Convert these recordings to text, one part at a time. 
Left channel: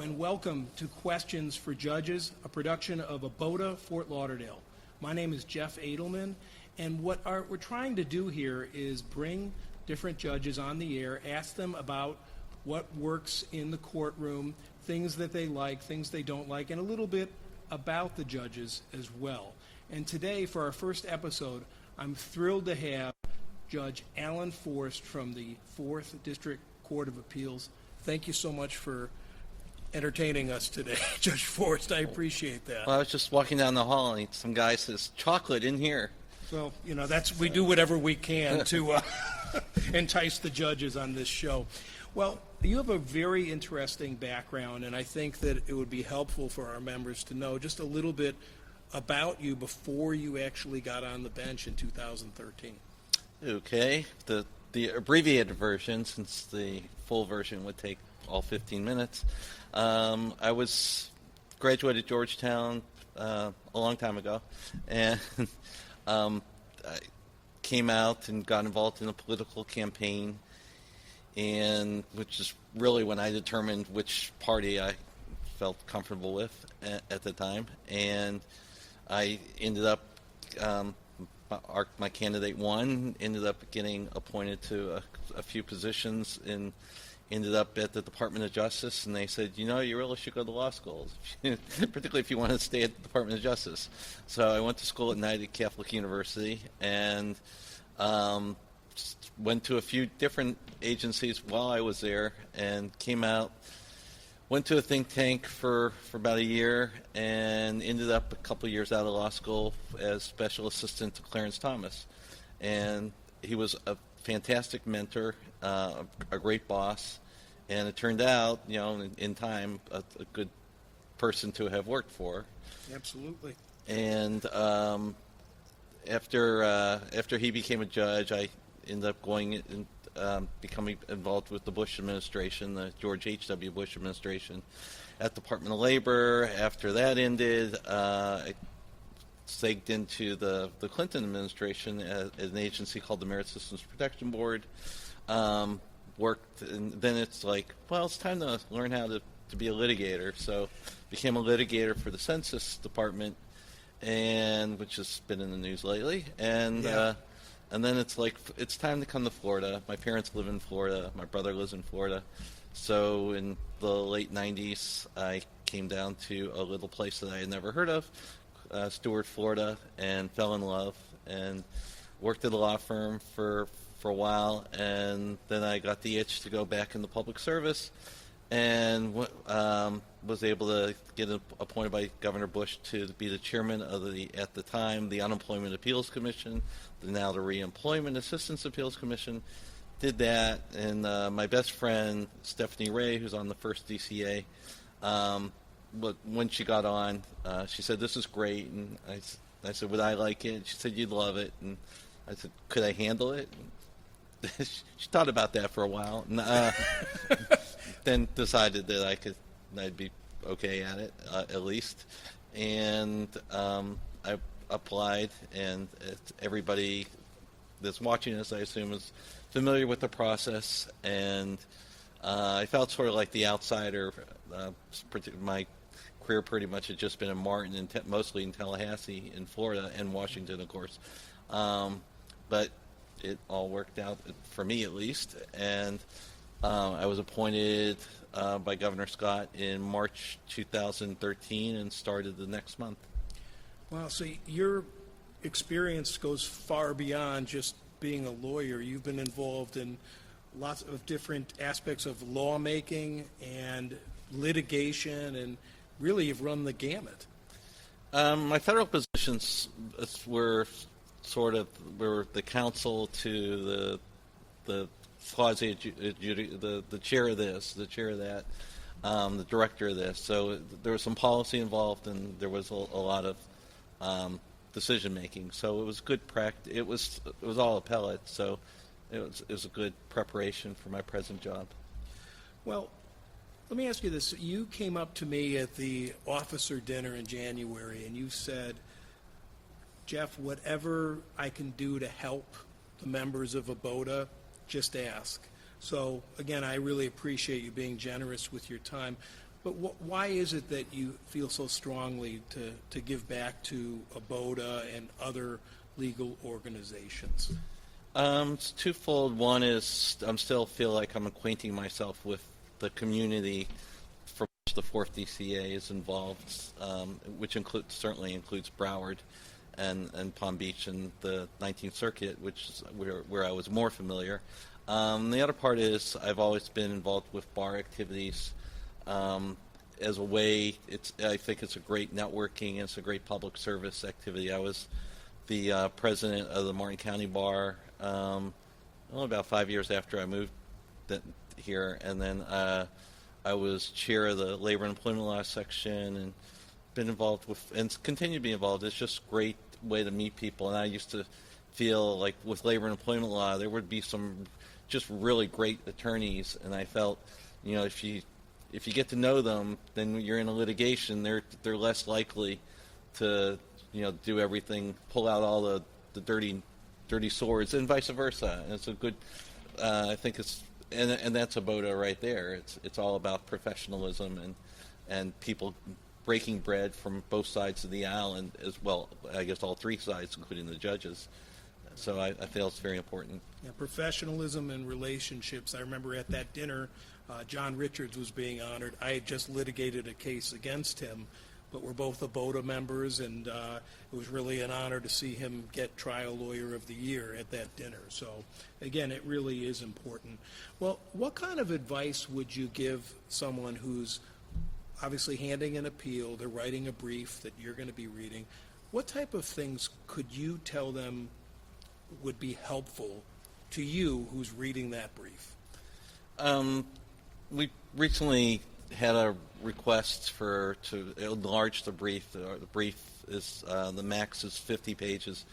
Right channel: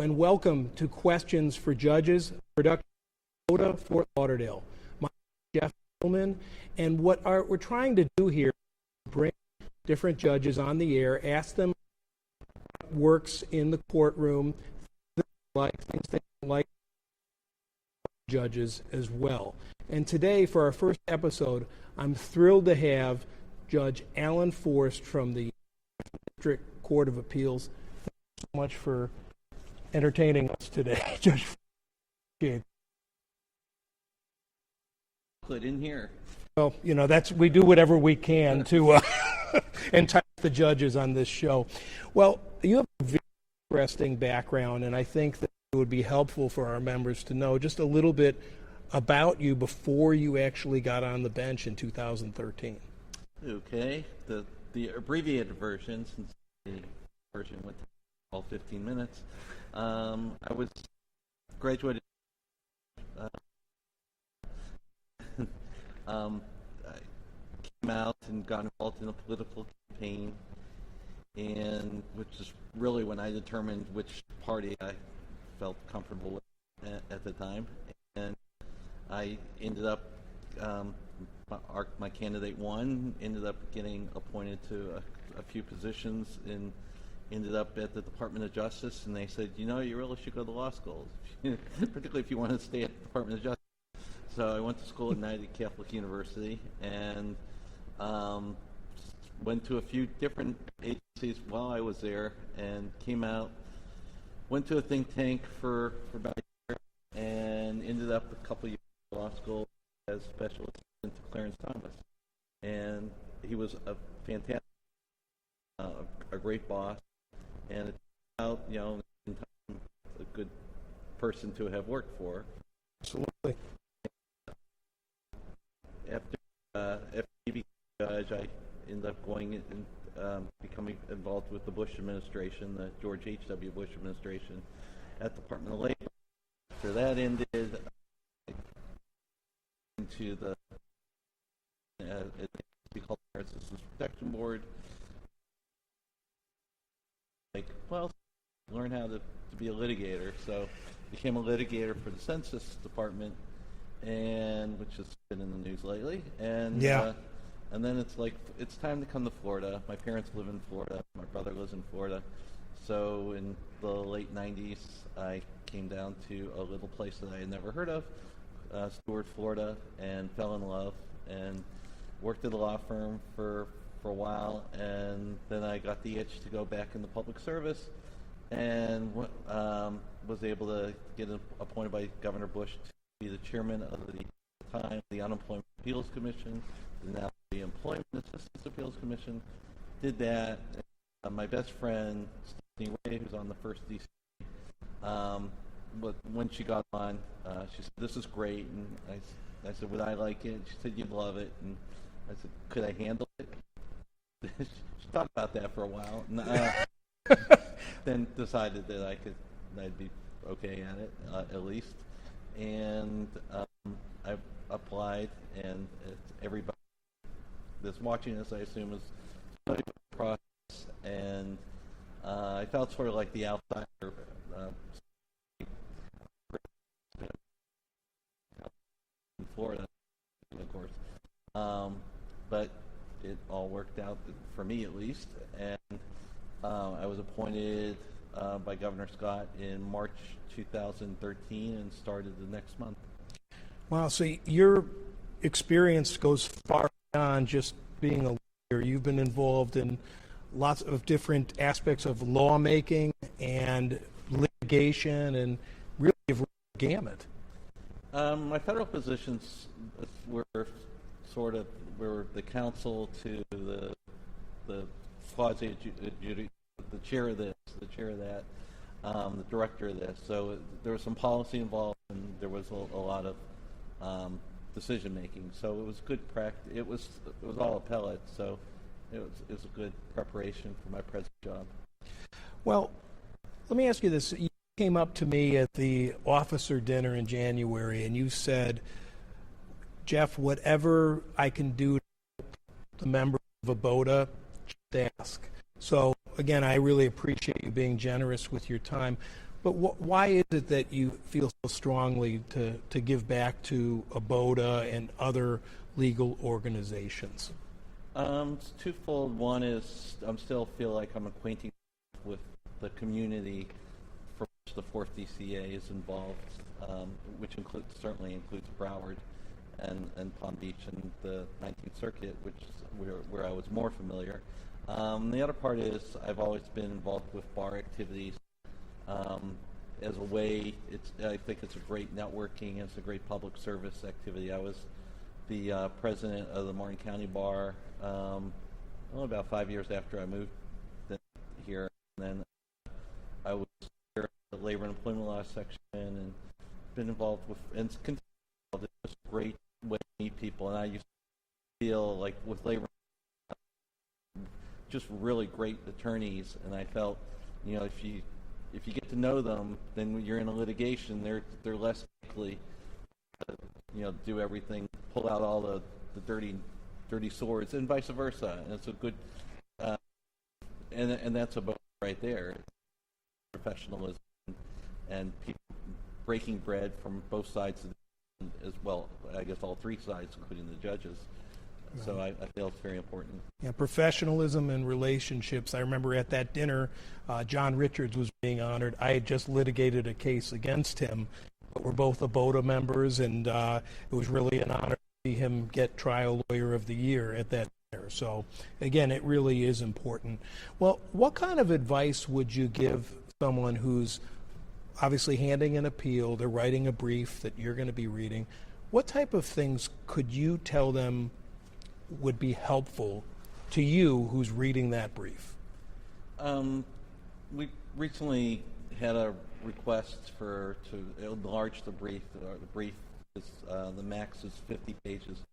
Hello and welcome to Questions for Judges, a production of ABOTA, Fort Lauderdale. My name is Jeff Adelman, and what we're trying to do here is bring different judges on the air, ask them about what works in the courtroom, things that they like, things they don't like, and a little bit about the judges as well. And today, for our first episode, I'm thrilled to have Judge Alan Forst from the 4th District Court of Appeals. Thank you so much for entertaining us today, Judge Forst. I appreciate that. Well, I was just walking down the hall and some guy says, "Chocolate in here." So, we do whatever we can to entice the judges on this show. Well, you have a very interesting background, and I think that it would be helpful for our members to know just a little bit about you before you actually got on the bench in 2013. Okay. The abbreviated version, since the full version would take all 15 minutes. I was graduated Georgetown a long time ago, and I came out and got involved in a political campaign, and which is really when I determined which party I felt comfortable with at the time, and I ended up my candidate won, ended up getting appointed to a few positions, and ended up at the Department of Justice, and they said, you really should go to law school, particularly if you want to stay at the Department of Justice. So I went to school at United Catholic University, and went to a few different agencies while I was there, and came out, went to a think tank for about a year, and ended up a couple of years out of law school as special assistant to Clarence Thomas. And he was a fantastic mentor, a great boss, and it turned out, in time, a good person to have worked for. Absolutely. And after he became a judge, I ended up going and becoming involved with the Bush administration, the George H.W. Bush administration, at the Department of Labor. After that ended, I segged into the Clinton administration at an agency called the Merit Systems Protection Board. Worked, and then it's like, well, it's time to learn how to be a litigator. So became a litigator for the Census Department, and which has been in the news lately. And and then it's like, it's time to come to Florida. My parents live in Florida. My brother lives in Florida. So in the late 90s, I came down to a little place that I had never heard of, Stuart, Florida, and fell in love, and worked at a law firm for a while, and then I got the itch to go back into public service, and was able to get appointed by Governor Bush to be the chairman of at the time, the Unemployment Appeals Commission, now the Reemployment Assistance Appeals Commission. Did that, and my best friend, Stephanie Ray, who's on the first DCA, but when she got on, she said, "This is great," and I said, "Would I like it?" She said, "You'd love it," and I said, "Could I handle it?" She thought about that for a while, and then decided that I'd be okay at it, at least. And I applied, and everybody that's watching this, I assume, is familiar with the process. And I felt sort of like the outsider. My career pretty much had just been in Martin, and mostly in Tallahassee, in Florida, and Washington, of course. But it all worked out, for me at least, and I was appointed by Governor Scott in March 2013 and started the next month. Wow, so your experience goes far beyond just being a lawyer. You've been involved in lots of different aspects of lawmaking and litigation, and really you've run the gamut. My federal positions were we're the counsel to the quasi the chair of this, the chair of that, the director of this. So there was some policy involved, and there was a lot of decision making. So it was good practice. It was all appellate. So it was a good preparation for my present job. Well, let me ask you this. You came up to me at the officer dinner in January, and you said, "Jeff, whatever I can do to help the members of ABOTA, just ask." So, again, I really appreciate you being generous with your time. But why is it that you feel so strongly to give back to ABOTA and other legal organizations? It's twofold. One is I still feel like I'm acquainting myself with the community from which the Fourth DCA is involved, which certainly includes Broward and Palm Beach and the 19th Circuit, which is where I was more familiar. The other part is I've always been involved with bar activities as a way. I think it's a great networking. It's a great public service activity. I was the president of the Martin County Bar only about 5 years after I moved here, and then I was chair of the Labor and Employment Law section, and been involved with and continue to be involved. It's just a great way to meet people, and I used to feel like with Labor and Employment Law there would be some just really great attorneys, and I felt, if you get to know them, then you're in a litigation, they're less likely to do everything, pull out all the dirty swords, and vice versa. And it's a good, I think it's, and that's ABOTA right there. It's all about professionalism and people breaking bread from both sides of the aisle, and as well, I guess all three sides, including the judges. Right. So I feel it's very important. Yeah, professionalism and relationships. I remember at that dinner, John Richards was being honored. I had just litigated a case against him, but we're both ABOTA members, and it was really an honor to see him get Trial Lawyer of the Year at that dinner. So, again, it really is important. Well, what kind of advice would you give someone who's obviously handing an appeal, they're writing a brief that you're going to be reading? What type of things could you tell them would be helpful to you who's reading that brief? We recently had a request to enlarge the brief. The brief is the max is 50 pages,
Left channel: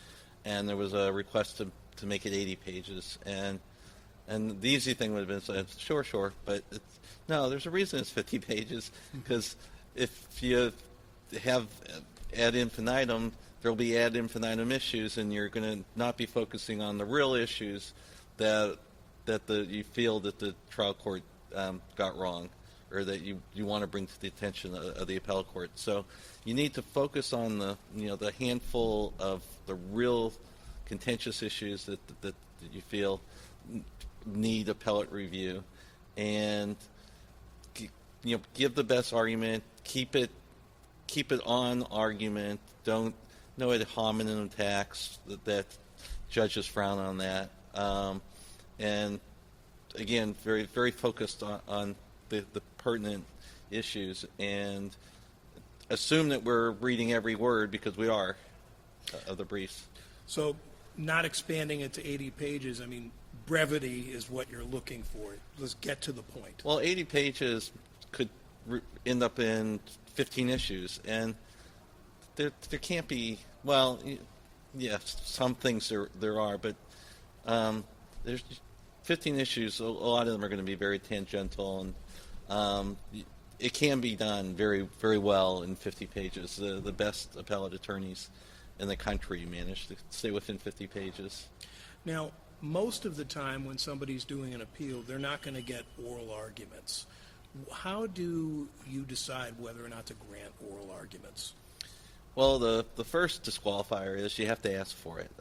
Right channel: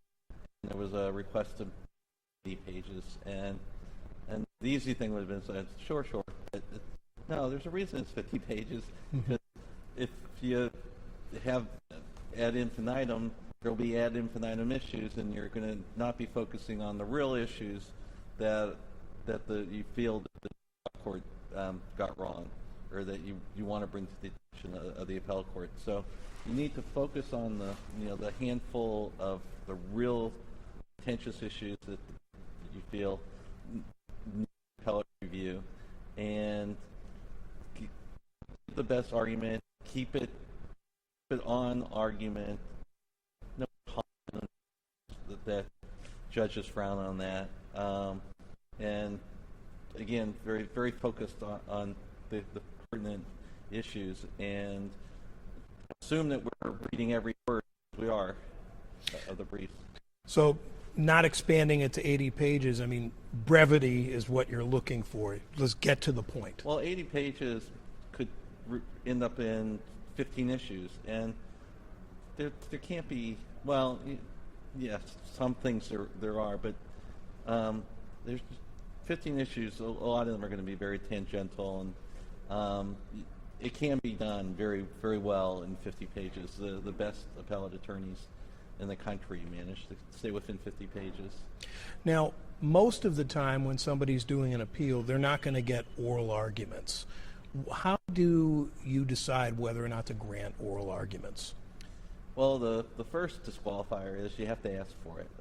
and there was a request to make it 80 pages. And the easy thing would have been said, sure, but no, there's a reason it's 50 pages, because if you have ad infinitum, there'll be ad infinitum issues, and you're going to not be focusing on the real issues that you feel that the trial court got wrong, or that you want to bring to the attention of the appellate court. So you need to focus on the handful of the real contentious issues that you feel need appellate review, and give the best argument. Keep it on argument. Don't no ad hominem attacks that judges frown on that. And again, very very focused on the pertinent issues, and assume that we're reading every word, because we are, of the briefs. So not expanding it to 80 pages, I mean, brevity is what you're looking for. Let's get to the point. Well, 80 pages could end up in 15 issues, and there can't be, well, yes, some things there are, but there's 15 issues. A lot of them are going to be very tangential, and it can be done very, very well in 50 pages. The best appellate attorneys in the country manage to stay within 50 pages. Now, most of the time when somebody's doing an appeal, they're not going to get oral arguments. How do you decide whether or not to grant oral arguments? Well, the first disqualifier is you have to ask for it.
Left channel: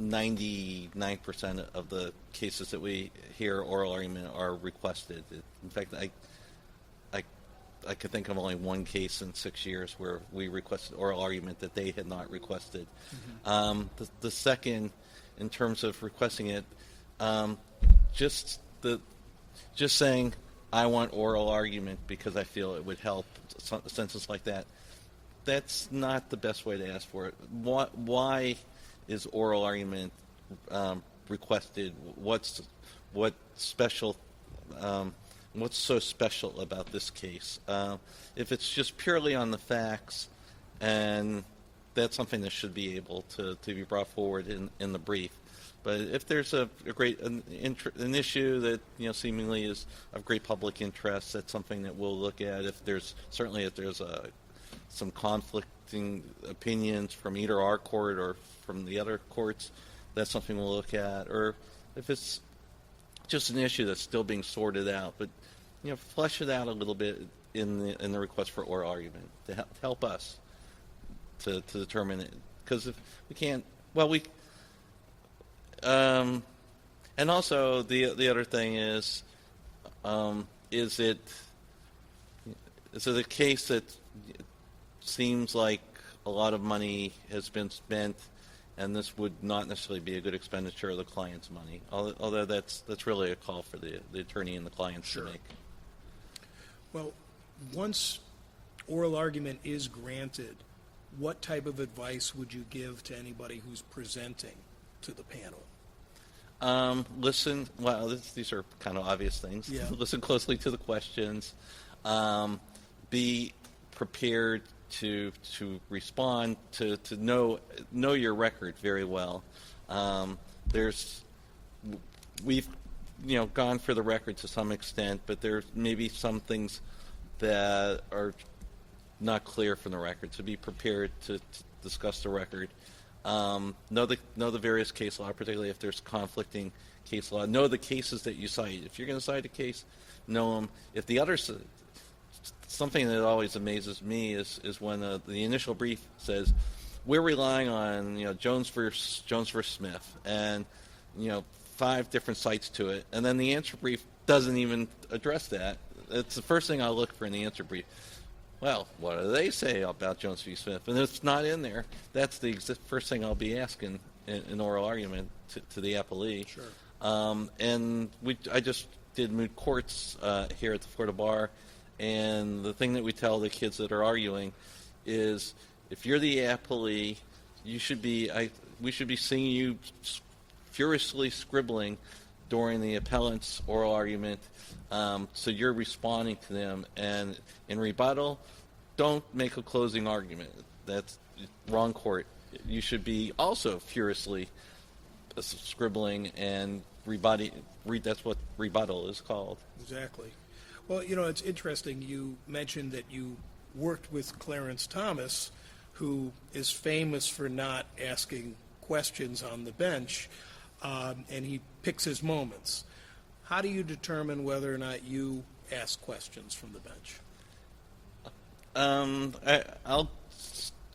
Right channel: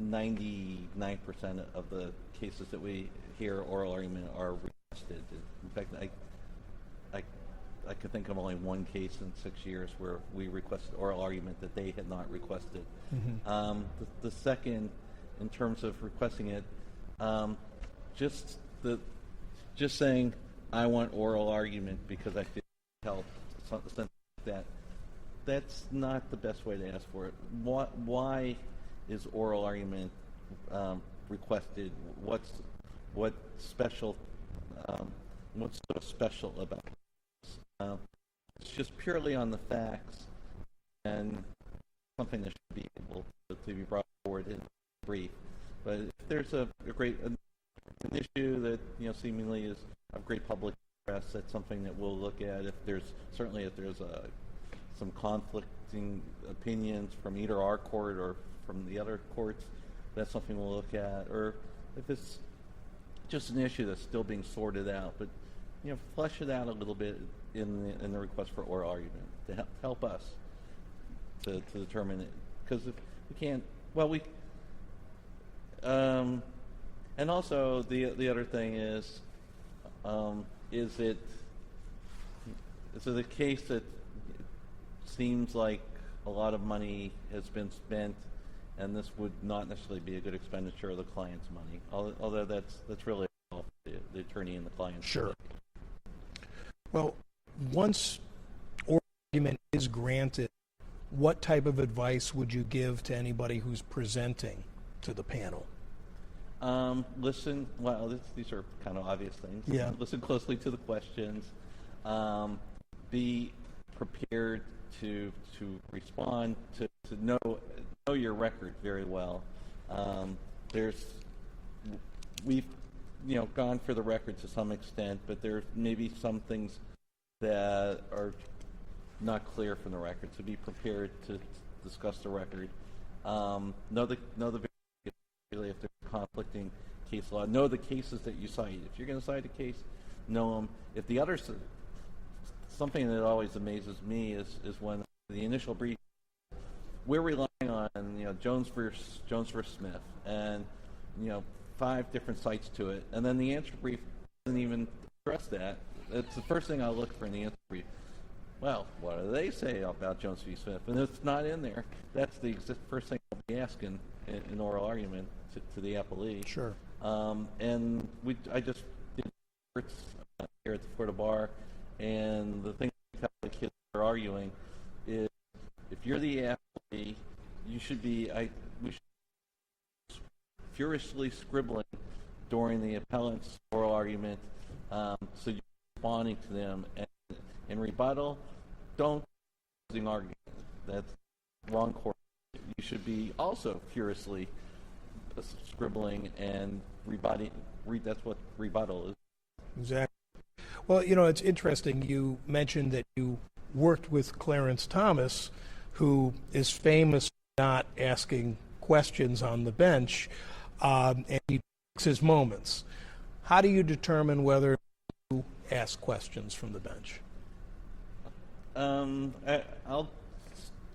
99% of the cases that we hear oral argument are requested. In fact, I could think of only one case in 6 years where we requested oral argument that they had not requested. Mm-hmm. The second, in terms of requesting it, just saying I want oral argument because I feel it would help a sentence like that, that's not the best way to ask for it. Why is oral argument requested? What's special? What's so special about this case? If it's just purely on the facts, and that's something that should be able to be brought forward in the brief. But if there's an issue that seemingly is of great public interest, that's something that we'll look at. If there's some conflicting opinions from either our court or from the other courts, that's something we'll look at. Or if it's just an issue that's still being sorted out, but flesh it out a little bit in the request for oral argument to help us to determine it, because if we can't, well, we and also the other thing is it a case that seems like a lot of money has been spent, and this would not necessarily be a good expenditure of the client's money, although that's really a call for the attorney and the client to make. Well, once oral argument is granted, what type of advice would you give to anybody who's presenting to the panel? Listen, well, these are kind of obvious things. Yeah. Listen closely to the questions. Be prepared to respond, to know your record very well. We've gone for the record to some extent, but there may be some things that are not clear from the record. So be prepared to discuss the record. Know the various case law, particularly if there's conflicting case law. Know the cases that you cite. If you're going to cite a case, know them. If the other something that always amazes me is when the initial brief says we're relying on Jones versus Smith, and 5 different cites to it, and then the answer brief doesn't even address that. It's the first thing I'll look for in the answer brief. Well, what do they say about Jones v. Smith? And if it's not in there, that's the first thing I'll be asking in oral argument to the appellee. Sure. And I just did moot courts here at the Florida Bar, and the thing that we tell the kids that are arguing is, if you're the appellee, we should be seeing you furiously scribbling during the appellant's oral argument, so you're responding to them. And in rebuttal, don't make a closing argument. That's wrong court. You should be also furiously scribbling and rebutting. That's what rebuttal is called. Exactly. Well, it's interesting. You mentioned that you worked with Clarence Thomas, who is famous for not asking questions on the bench, and he picks his moments. How do you determine whether or not you ask questions from the bench? I'll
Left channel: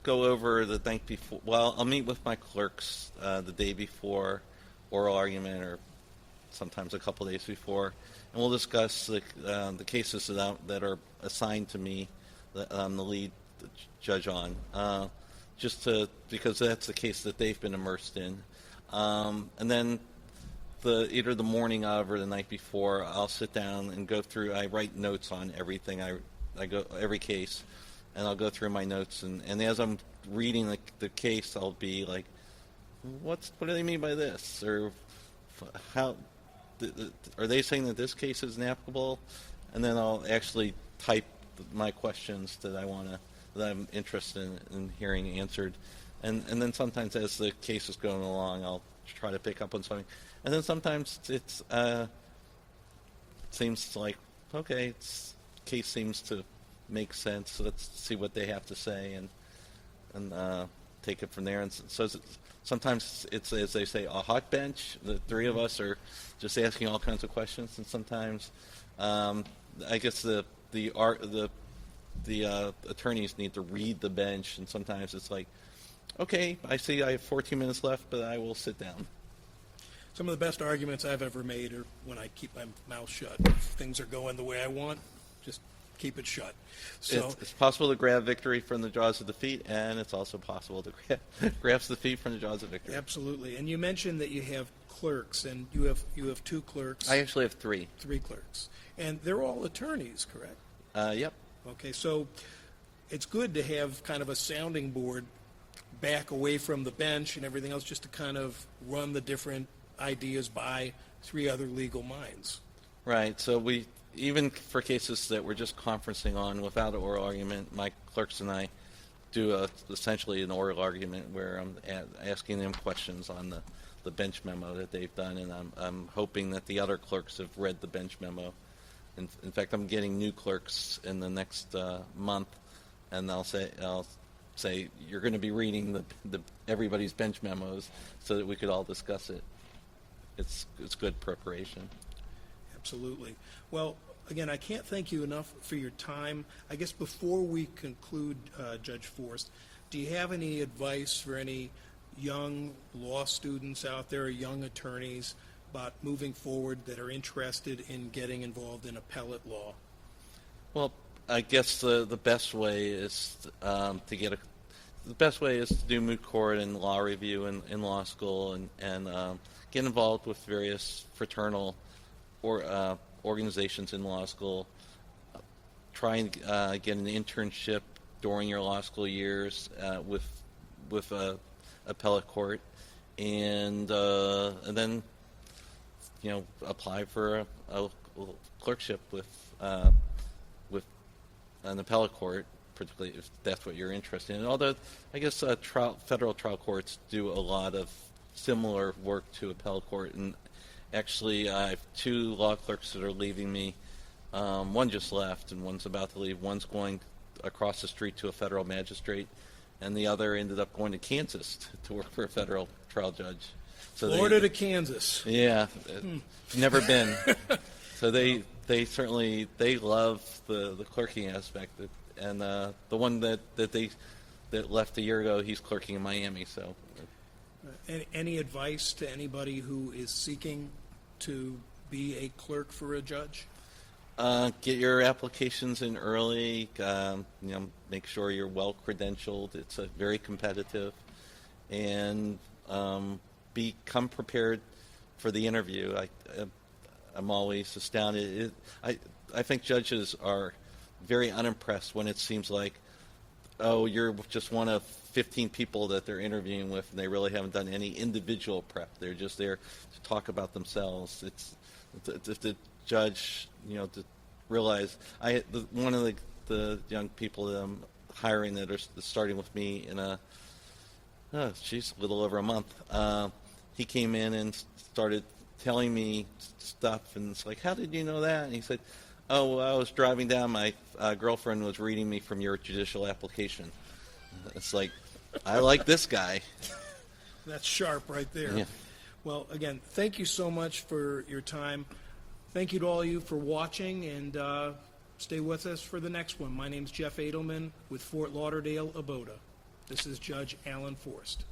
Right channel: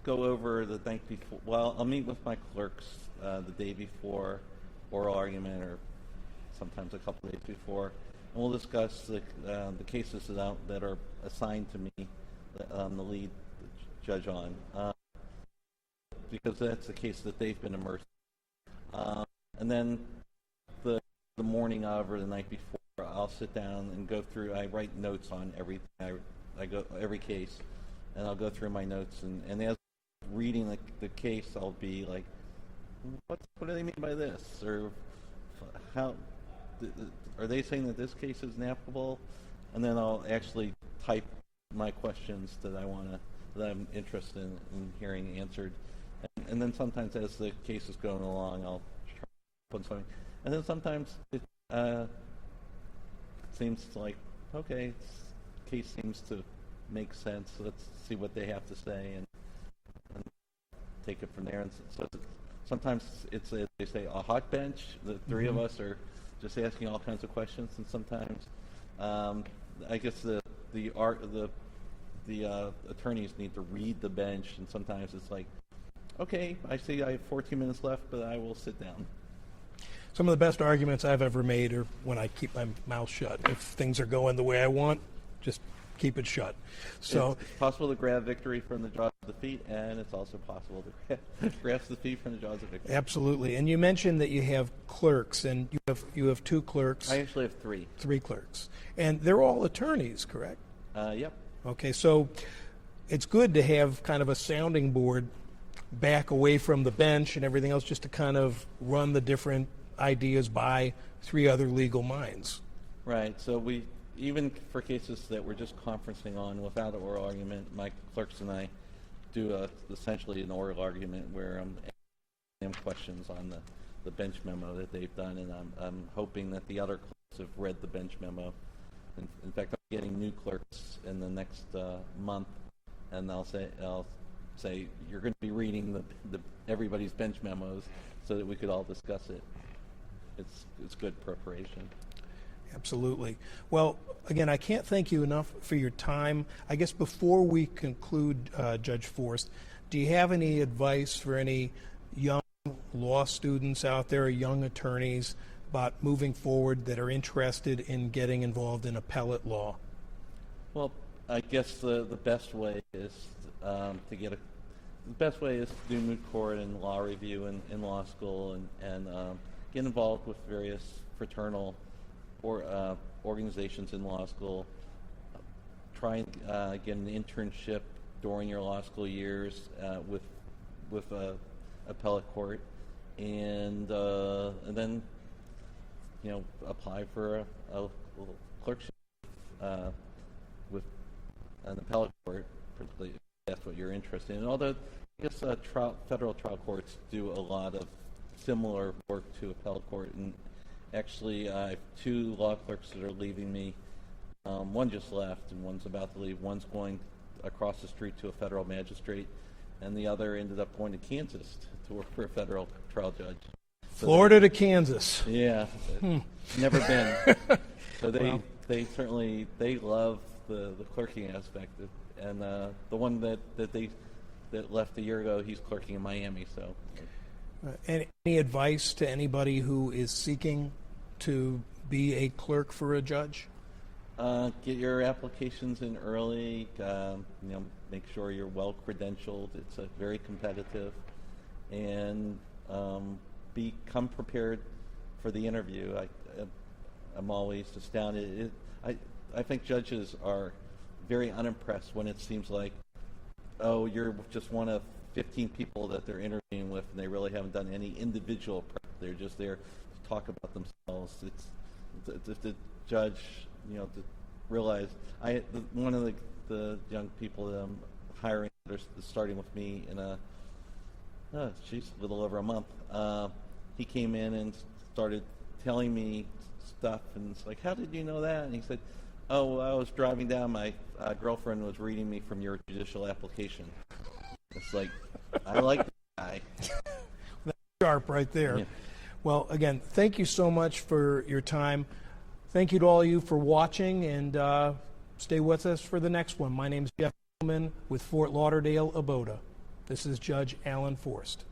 go over the night before. Well, I'll meet with my clerks the day before oral argument, or sometimes a couple days before, and we'll discuss the cases that are assigned to me, the lead judge on, because that's the case that they've been immersed in, and then either the morning of or the night before, I'll sit down and go through. I write notes on everything. I go every case, and I'll go through my notes, and as I'm reading the case, I'll be like, what do they mean by this, or how are they saying that this case is inapplicable? And then I'll actually type my questions that I'm interested in hearing answered, and then sometimes as the case is going along, I'll try to pick up on something. And then sometimes it seems like, okay, case seems to make sense, so let's see what they have to say and take it from there. And so sometimes it's, as they say, a hot bench. The three of us are just asking all kinds of questions, and sometimes I guess the attorneys need to read the bench, and sometimes it's like, okay, I see I have 14 minutes left, but I will sit down. Some of the best arguments I've ever made are when I keep my mouth shut. If things are going the way I want, just keep it shut. So it's possible to grab victory from the jaws of defeat, and it's also possible to grasp defeat from the jaws of victory. Absolutely. And you mentioned that you have clerks, and you have 2 clerks. I actually have 3. 3 clerks. And they're all attorneys, correct? Yep. Okay, so it's good to have kind of a sounding board back away from the bench and everything else, just to kind of run the different ideas by 3 other legal minds. Right. So even for cases that we're just conferencing on without an oral argument, my clerks and I do essentially an oral argument where I'm asking them questions on the bench memo that they've done, and I'm hoping that the other clerks have read the bench memo. In fact, I'm getting new clerks in the next month, and I'll say you're going to be reading everybody's bench memos so that we could all discuss it. It's good preparation. Absolutely. Well, again, I can't thank you enough for your time. I guess before we conclude, Judge Forst, do you have any advice for any young law students out there, or young attorneys, about moving forward that are interested in getting involved in appellate law? Well, I guess the best way is the best way is to do moot court and law review in law school, and get involved with various fraternal or organizations in law school. Try and get an internship during your law school years with appellate court, and then apply for a clerkship with an appellate court, particularly if that's what you're interested in. Although I guess federal trial courts do a lot of similar work to appellate court, and actually I have 2 law clerks that are leaving me. One just left, and one's about to leave. One's going across the street to a federal magistrate, and the other ended up going to Kansas to work for a federal trial judge. So Florida to Kansas. Yeah, never been. So they certainly love the clerking aspect, and the one that left a year ago, he's clerking in Miami. So, Any advice to anybody who is seeking to be a clerk for a judge? Get your applications in early. Make sure you're well credentialed. It's very competitive, and become prepared for the interview. I'm always astounded. I think judges are very unimpressed when it seems like, oh, you're just one of 15 people that they're interviewing with, and they really haven't done any individual prep. They're just there to talk about themselves. It's the judge, to realize. One of the young people that I'm hiring that are starting with me in a little over a month. He came in and started telling me stuff, and it's like, how did you know that? And he said, oh, I was driving down, my girlfriend was reading me from your judicial application. It's like, I like this guy. That's sharp right there. Yeah. Well, again, thank you so much for your time. Thank you to all of you for watching, and stay with us for the next one. My name's Jeff Adelman with Fort Lauderdale, ABOTA. This is Judge Alan Forst.